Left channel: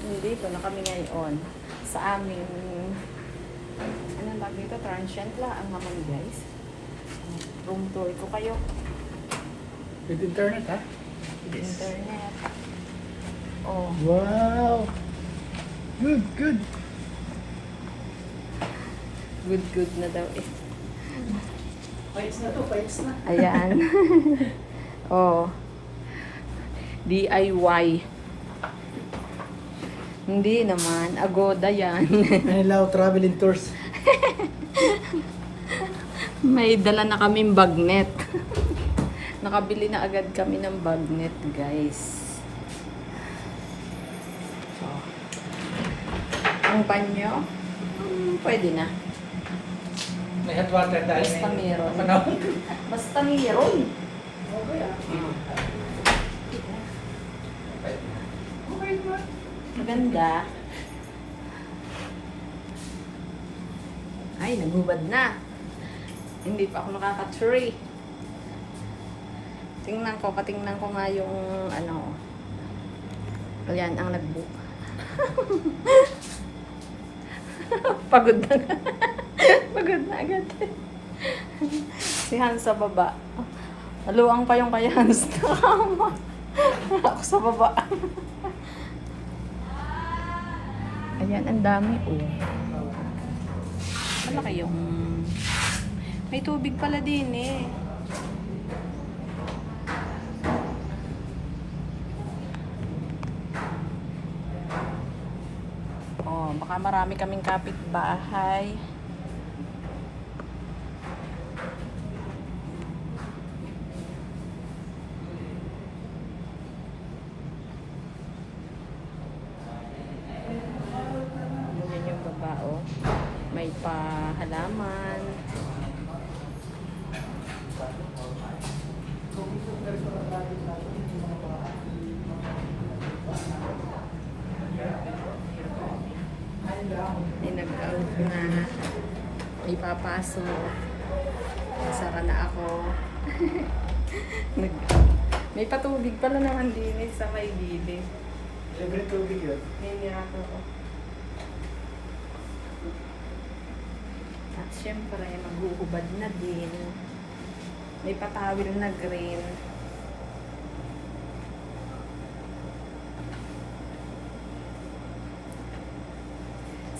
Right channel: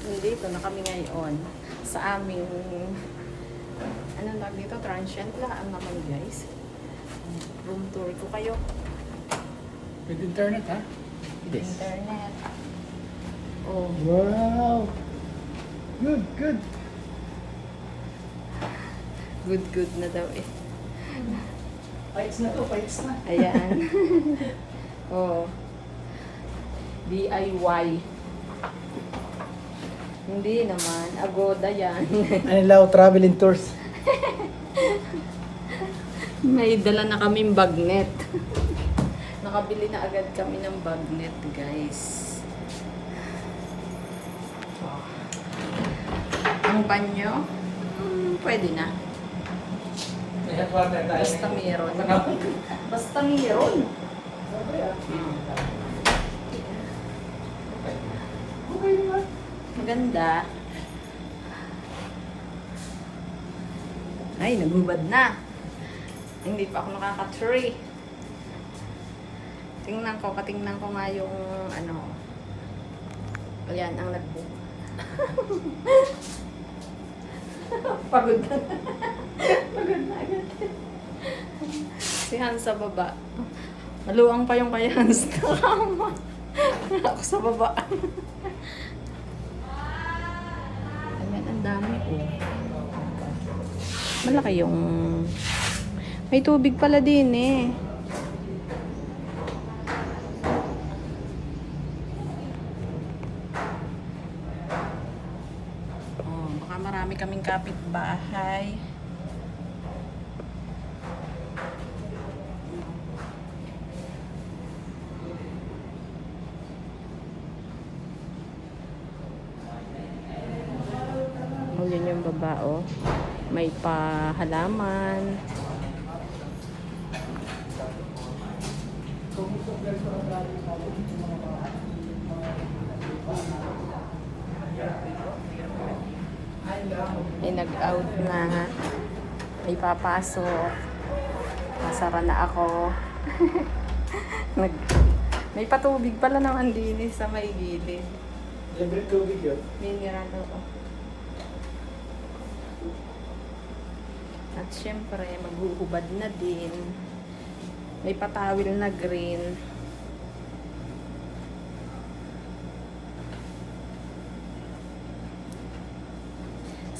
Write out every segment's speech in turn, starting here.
Nandito na kami ngayon sa aming anong tawag dito? Transient lang naman guys. Room tour ko kayo. With internet, ha? With internet. Oh. Wow! Good, good. Good na daw eh. Payos na to, payos na. Ayan. Oh. DIY. Hindi naman. Agoda yan. Anilaw traveling tours. May dala na kaming bagnet. Nakabili na agad kami ng bagnet, guys. Oh. Ang banyo, pwede na. May hot water tayo. Basta meron. Basta meron. Maganda. Ay, naghubad na. Hindi pa ako nakaka-tree. Katingnan ko nga yung ano. Ayan, ang nag-book. Pagod na. Pagod na agad. Si Hans sa baba. Maluang pa yung kay Hans. Nakama. Ako sa baba. Ayan, ang dami oh. Malaki yung... May tubig pala din eh. Oh, baka marami kaming kapitbahay. Yun yung baba oh. May pahalaman. Ay, nag-out na. May papasok. Masara na ako. May patubig pala naman din sa may gilid. Libre tubig yun. Yan nga to. At syempre, maghuhubad na din. May patawil na green.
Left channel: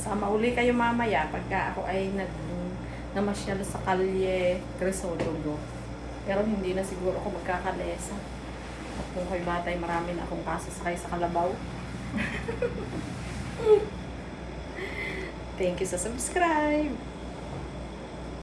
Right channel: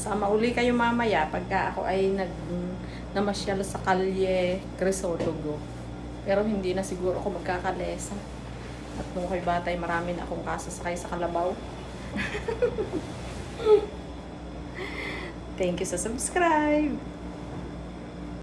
Sama uli kayo mamaya pagka ako ay namasyal sa Kalye Crisologo. Pero hindi na siguro ako magkakalesa. At kung kayo batay, marami na akong kasasakay sa kalabaw. Thank you sa subscribe.